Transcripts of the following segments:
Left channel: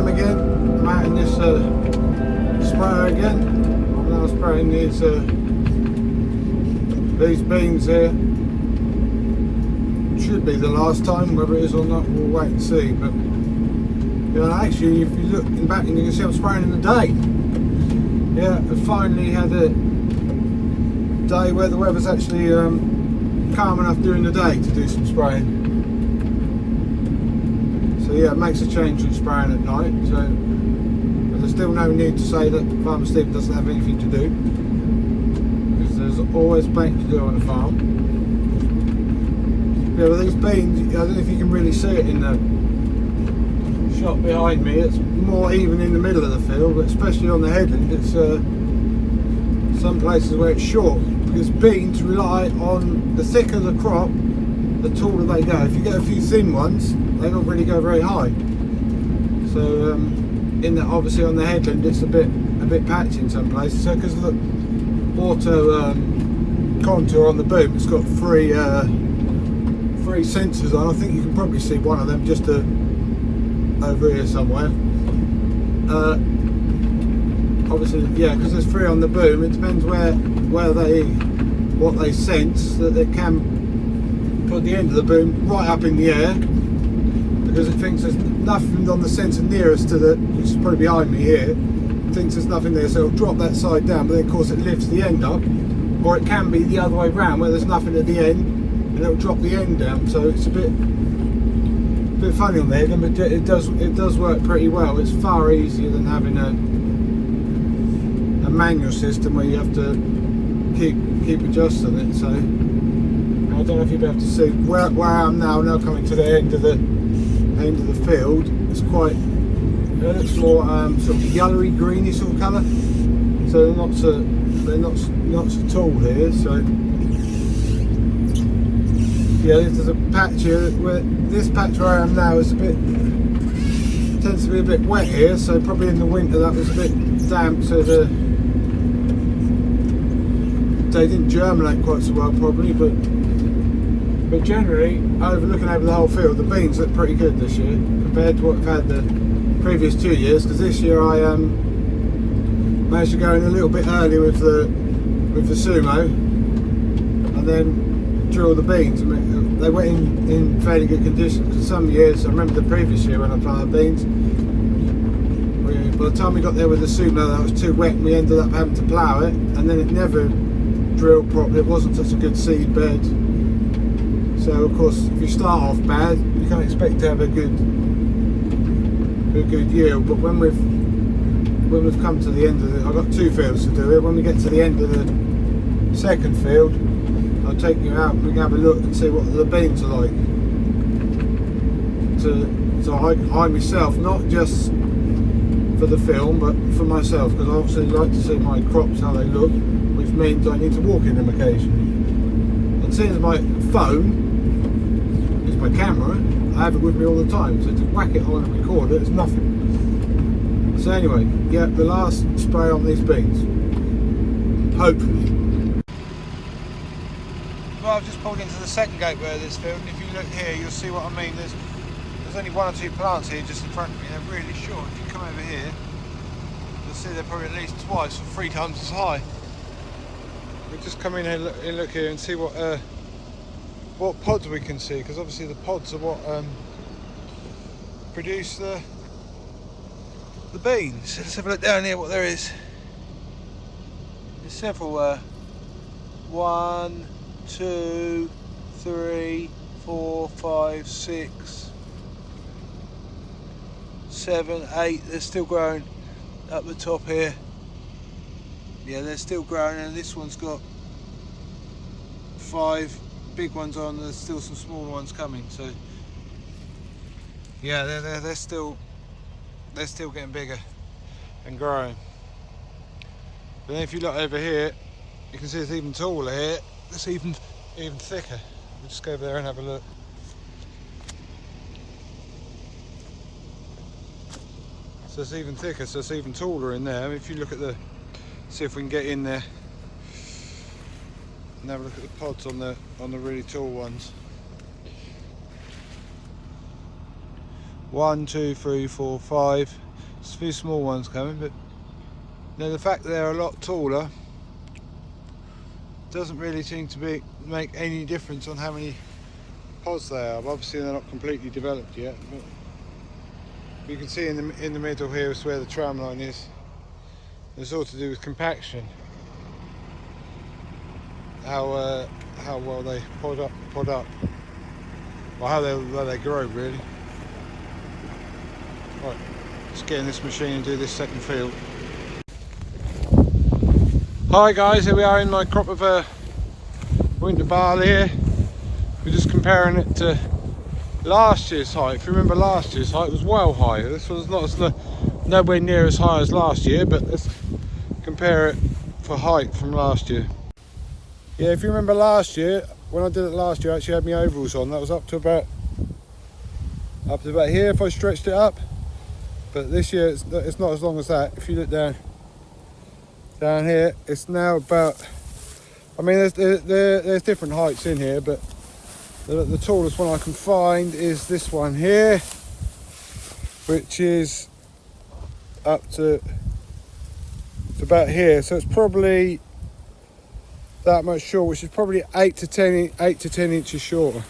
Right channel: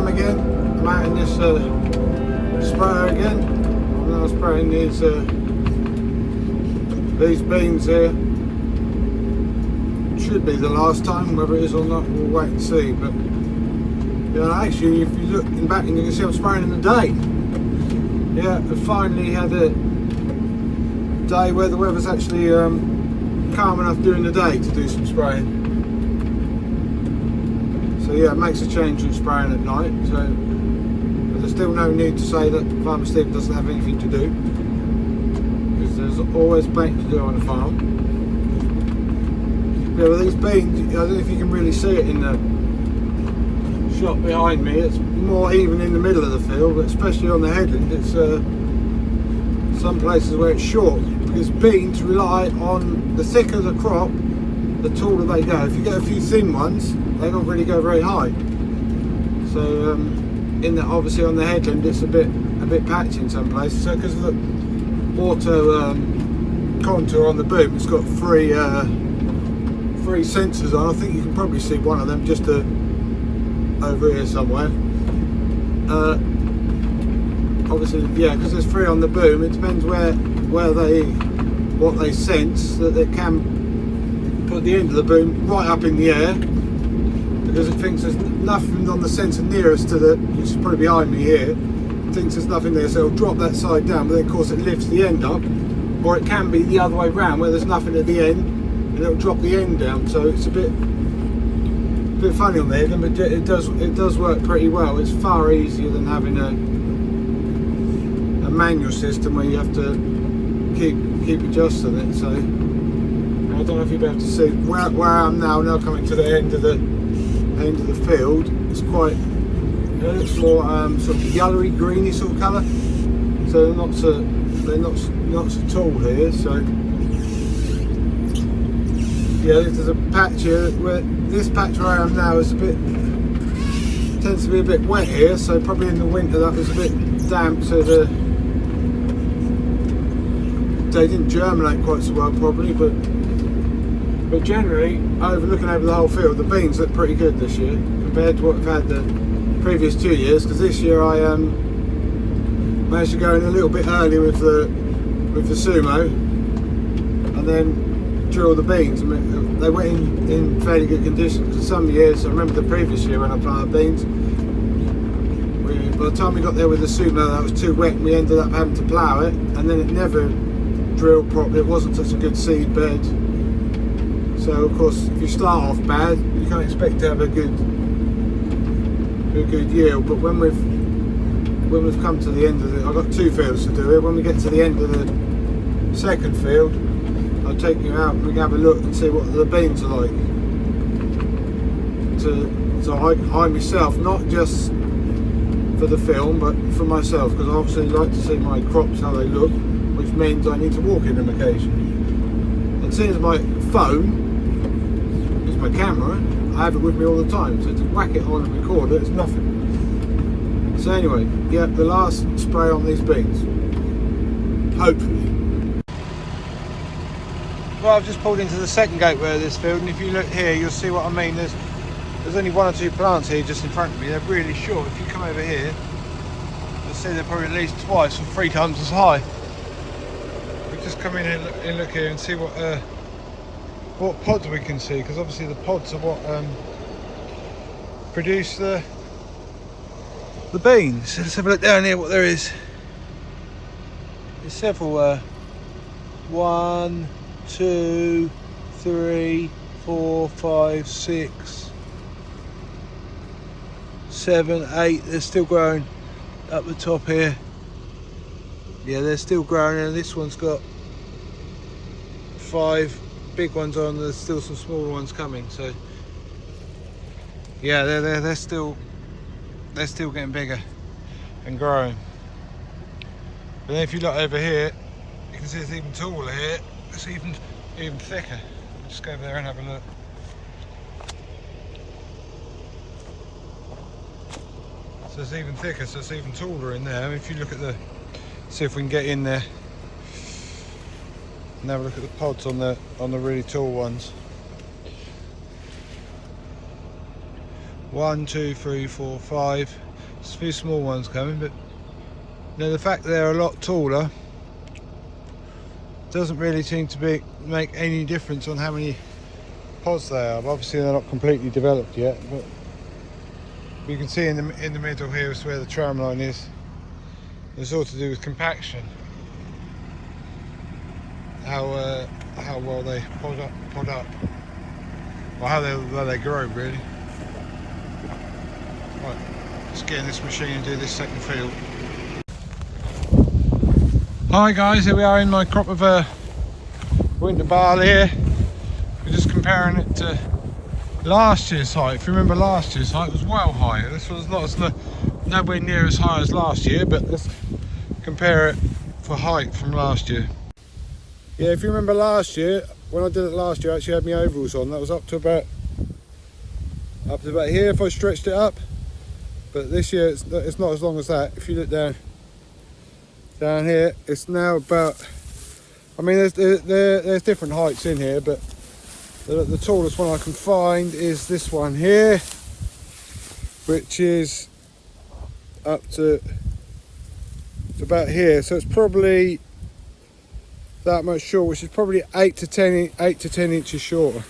am again. I'm out in this sprayer again. I'm now spraying these beans here. Should be the last time. Whether it is or not, we'll wait and see. But you know, actually, if you look in the back, you can see I'm spraying in the day. Yeah, I finally had a day where the weather's actually calm enough during the day to do some spraying. So yeah, it makes a change in spraying at night. So but there's still no need to say that Farmer Steve doesn't have anything to do, because there's always plenty to do on a farm. Yeah, well, these beans, I don't know if you can really see it in the shot behind me. It's more even in the middle of the field, but especially on the headland, it's some places where it's short, because beans rely on the thicker the crop, the taller they go. If you get a few thin ones, they don't really go very high. So in the, obviously on the headland, it's a bit patchy in some places. So because of the auto contour on the boom, it's got three sensors on. I think you can probably see one of them just over here somewhere. Obviously, yeah, because there's three on the boom. It depends what they sense, that they can put the end of the boom right up in the air, because it thinks there's nothing on the sensor nearest to the, which is probably behind me here. It thinks there's nothing there, so it'll drop that side down, but then of course it lifts the end up. Or it can be the other way round, where there's nothing at the end and it'll drop the end down. So it's a bit funny on the head, but it does work pretty well. It's far easier than having a manual system where you have to keep adjusting it. So I don't know if you'll be able to see where I am now coming to the end of the field. It's quite, it looks more sort of yellowy greeny sort of colour, so they're not so tall here. So yeah, there's a patch here. This patch where I am now is tends to be a bit wet here, so probably in the winter that was a bit damp, so they didn't germinate quite so well probably, but generally, looking over the whole field, the beans look pretty good this year compared to what we've had the previous 2 years. Because this year I managed to go in a little bit early with the sumo, and then drill the beans. I mean, they went in fairly good condition. Because some years, I remember the previous year when I planted beans, by the time we got there with the sumo, that was too wet, and we ended up having to plough it, and then it never drilled properly. It wasn't such a good seed bed. So of course, if you start off bad, you can't expect to have a good yield. But when we've come to the end of I've got 2 fields to do it. When we get to the end of the second field, I'll take you out and we can have a look and see what the beans are like. To I myself, not just for the film, but for myself, because I obviously like to see my crops how they look, which means I need to walk in them occasionally. And seeing as my phone is my camera, I have it with me all the time, so to whack it on and record it is nothing. So anyway, yeah, the last spray on these beans, hopefully. Well, I've just pulled into the second gateway of this field, and if you look here, you'll see what I mean. There's only 1 or 2 plants here just in front of me. They're really short. If you come over here, you'll see they're probably at least twice or 3 times as high. We'll just come in and look here and see what pods we can see, because obviously the pods are what produce the beans. So let's have a look down here what there is. There's several 1, 2, 3, 4, 5, 6, 7, 8. They're still growing up the top here. Yeah, they're still growing, and this one's got 5 big ones on. There's still some smaller ones coming. So yeah, they're still getting bigger and growing. But then if you look over here, you can see it's even taller here. It's even thicker. I'll just go over there and have a look. So it's even thicker, so it's even taller in there. I mean, if you look at see if we can get in there and have a look at the pods on the really tall ones. 1, 2, 3, 4, 5. There's a few small ones coming, but you know, the fact they're a lot taller doesn't really seem to make any difference on how many pods they are. Obviously they're not completely developed yet, but you can see in the middle here is where the tram line is. It's all to do with compaction. How well they pod up, or how they grow really. Right, let's get in this machine and do this second field. Hi guys, here we are in my crop of winter barley here. We're just comparing it to last year's height. If you remember, last year's height was well higher. This was nowhere near as high as last year, but let's compare it for height from last year. Yeah, if you remember last year, when I did it last year, I actually had my overalls on. That was up to about here if I stretched it up. But this year it's not as long as that. If you look down here, it's now about, I mean there's different heights in here, but the tallest one I can find is this one here, which is up to about here. So it's probably that much short, which is probably 8 to 10 inches shorter.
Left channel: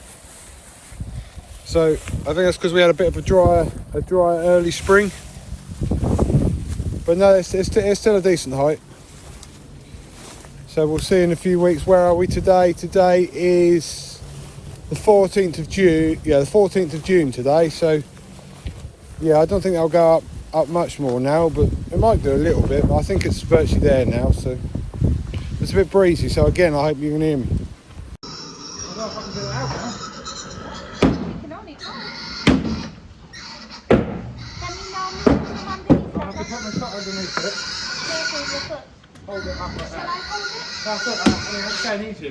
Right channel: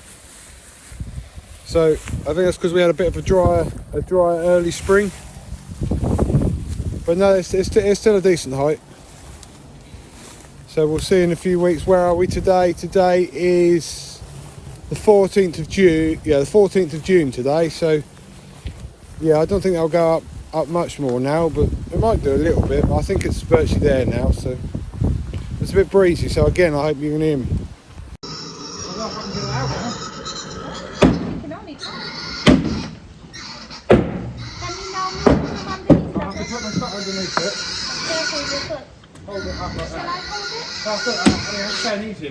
So I think that's because we had a bit of a dry early spring. But no, it's still a decent height. So we'll see in a few weeks. Where are we today? Today is the 14th of June. Yeah, the 14th of June today. So yeah, I don't think that'll go up much more now, but it might do a little bit. I think it's virtually there now. So it's a bit breezy. So again, I hope you can hear me. I don't know if I can get it out now. You can only try. Can you now move the one that I have to put my foot underneath it. careful with your foot? Hold it up like Shall I that. hold it? I mean, it's going easy.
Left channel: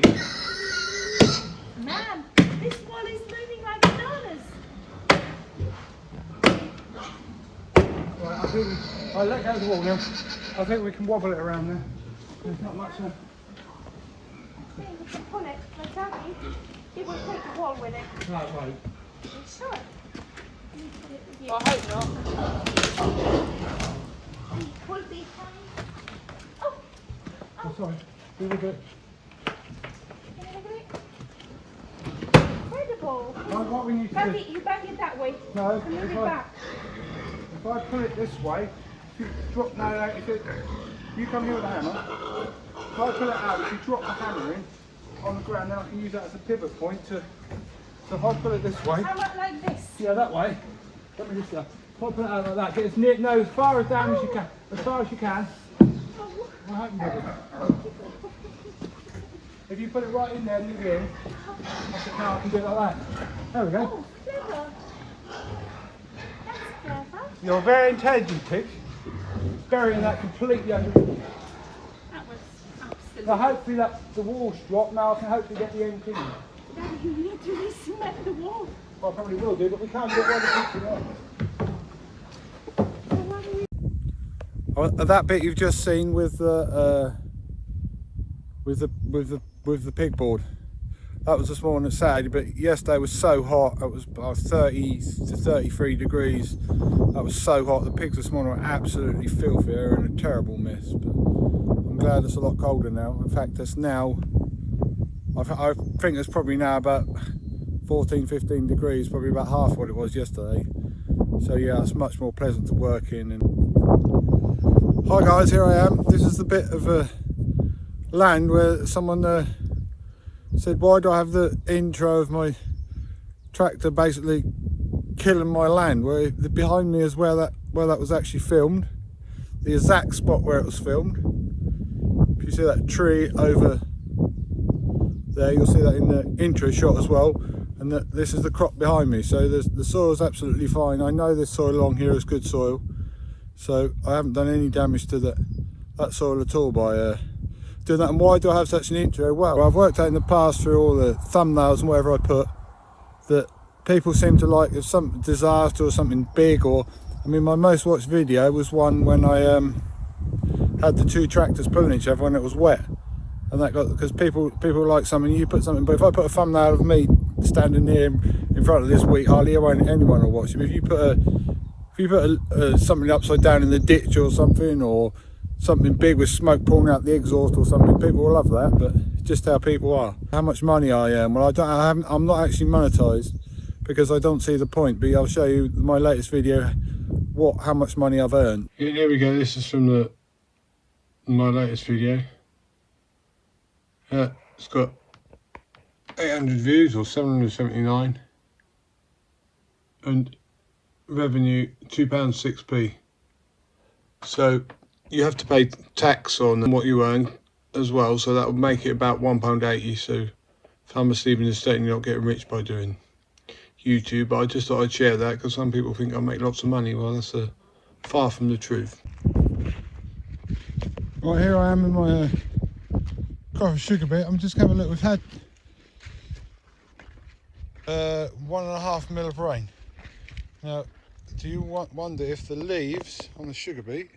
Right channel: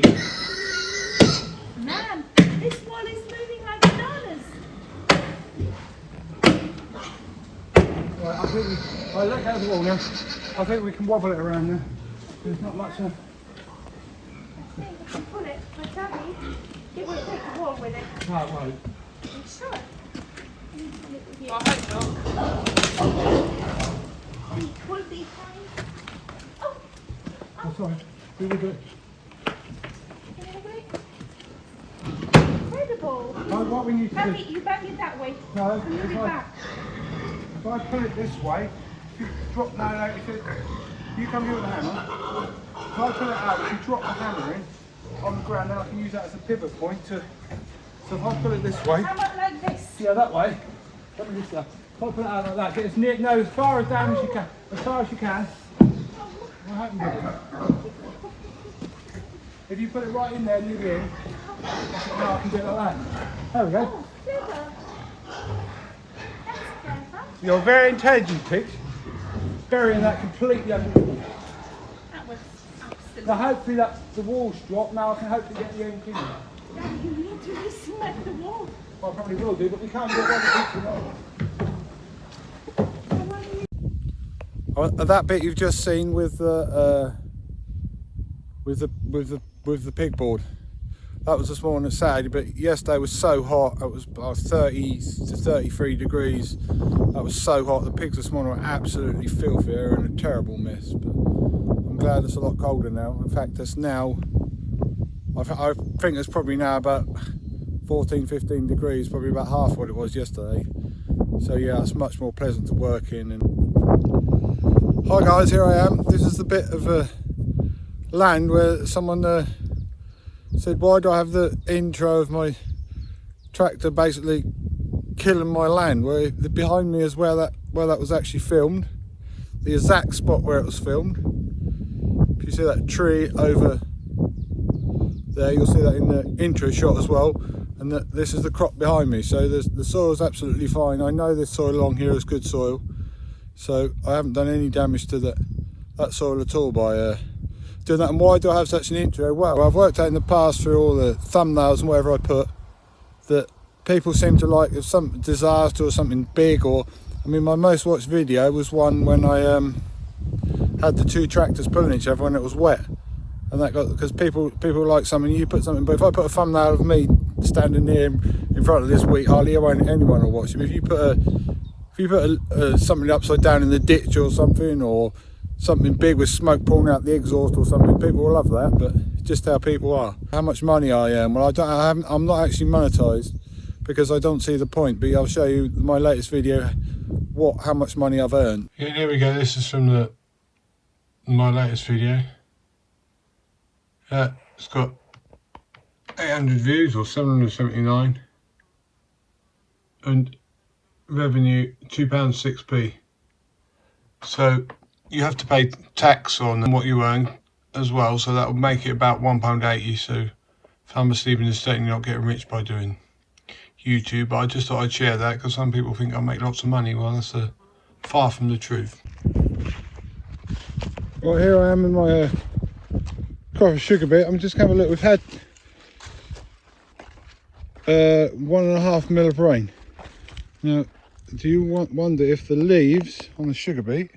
Man, this wall is moving like bananas. Right, I think I let go of the wall now. I think we can wobble it around now. There's not much. I think we can pull it, but Daddy, it will take the wall with it. No, it won't. You sure? You can pull it with you. I hope You pull behind. Oh, not. Oh, sorry. Do we do it? can you look at it? Incredible. What we need to Back do. it, you back it that way. No, Move it back. if I put it this way, drop you come here with the hammer. If I put it out, if you drop the hammer in on the ground, now I can use that as a pivot point to. So if I put it this way, How about like this? yeah, that way. Let me just if I put it out like that, get as near, no, as far as down as you can, as far as you can. I hope you do it. If you put it right in there, leave it in. Now I can do it like that. There we go. Oh, clever. That's clever. You're a very intelligent pig. Burying that completely under. That was absolutely. But hopefully the wall's dropped. Now I can hopefully get the end in. Daddy, you need to re-cement the wall. Well, I probably will do, but we can't get one picture there. That bit you've just seen with the pig board, that was this morning at Saturday, but yesterday was so hot. It was 30 to 33 degrees. That was so hot. The pigs this morning were absolutely filthy. They were in a terrible mess, but I'm glad it's a lot colder now. In fact, it's now, I think it's probably now about 14-15 degrees, probably about half what it was yesterday. So yeah, it's much more pleasant to work in. And hi guys, here I am. This is the bit of land where someone said, why do I have the intro of my tractor basically killing my land? Where behind me is where that was actually filmed, the exact spot where it was filmed. If you see that tree over there, you'll see that in the intro shot as well. And this is the crop behind me, so the soil is absolutely fine. I know this soil along here is good soil, so I haven't done any damage to that soil at all by doing that. And why do I have such an intro? Well, I've worked out in the past through all the thumbnails and whatever I put that people seem to like if some disaster or something big, or I mean my most watched video was one when I had the two tractors pulling each other when it was wet, and that got, because people like something, you put something, but if I put a thumbnail of me standing here in front of this wheat, hardly anyone will watch it. If if you put something upside down in the ditch or something, or something big with smoke pouring out the exhaust or something, people will love that. But it's just how people are. How much money I earn? Well, I'm not actually monetized because I don't see the point. But I'll show you my latest video how much money I've earned. Here we go. This is from my latest video. It's got 800 views or 779, and revenue £2.6p. So you have to pay tax on what you earn as well, so that would make it about £1.80. So if I'm asleep in the state, you're not getting rich by doing YouTube. But I just thought I'd share that because some people think I make lots of money. Well, that's far from the truth. Right, here I am in my coffee sugar beet. I'm just having a look. We've had 1.5 mil of rain. Now, do you wonder if the leaves on the sugar beet,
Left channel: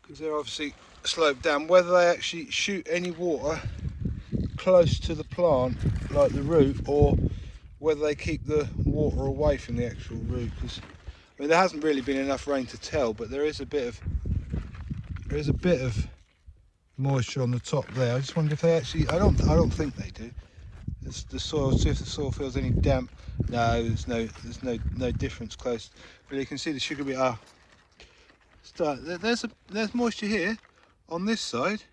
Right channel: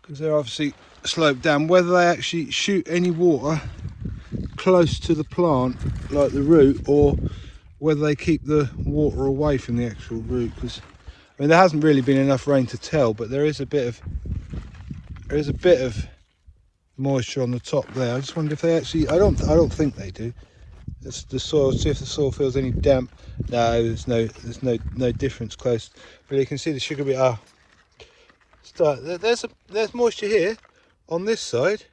because they're obviously sloped down, whether they actually shoot any water close to the plant, like the root, or whether they keep the water away from the actual root? Because I mean, there hasn't really been enough rain to tell, but there is a bit of moisture on the top there. I just wonder if they actually. I don't think they do. It's the soil. See if the soil feels any damp. No, there's no difference close. But you can see the sugar beet are. There's moisture here on this side.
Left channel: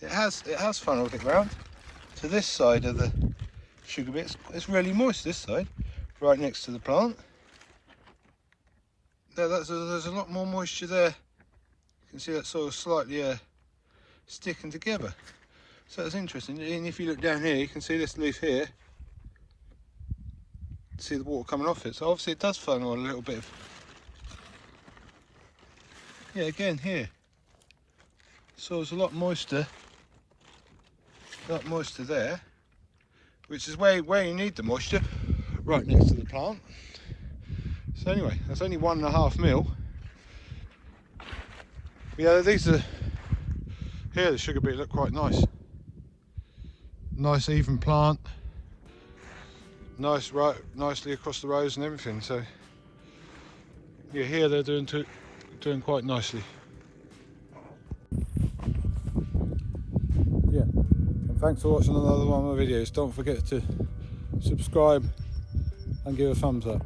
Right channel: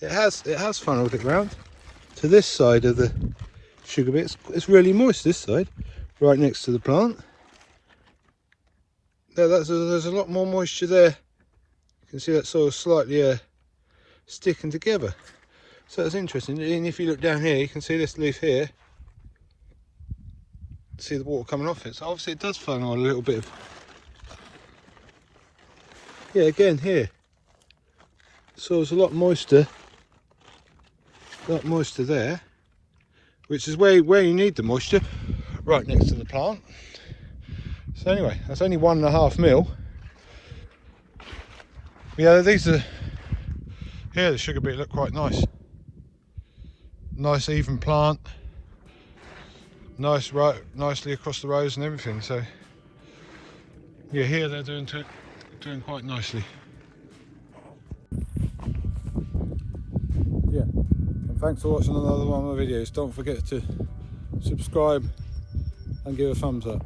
It has funneled it round to this side of the sugar beet. It's really moist this side, right next to the plant. There's a lot more moisture there. You can see that soil slightly sticking together. So that's interesting. And if you look down here, you can see this leaf here. See the water coming off it. So obviously it does funnel on a little bit of. Yeah, again here. The soil's a lot moister. A lot moister there, which is where you need the moisture, right next to the plant. So anyway, that's only 1.5 mil. Yeah, these are here. The sugar beet look quite nice. Nice even plant, nice right, nicely across the rows and everything. So yeah, here they're doing quite nicely. Yeah, and thanks for watching another one of my videos. Don't forget to subscribe and give a thumbs up.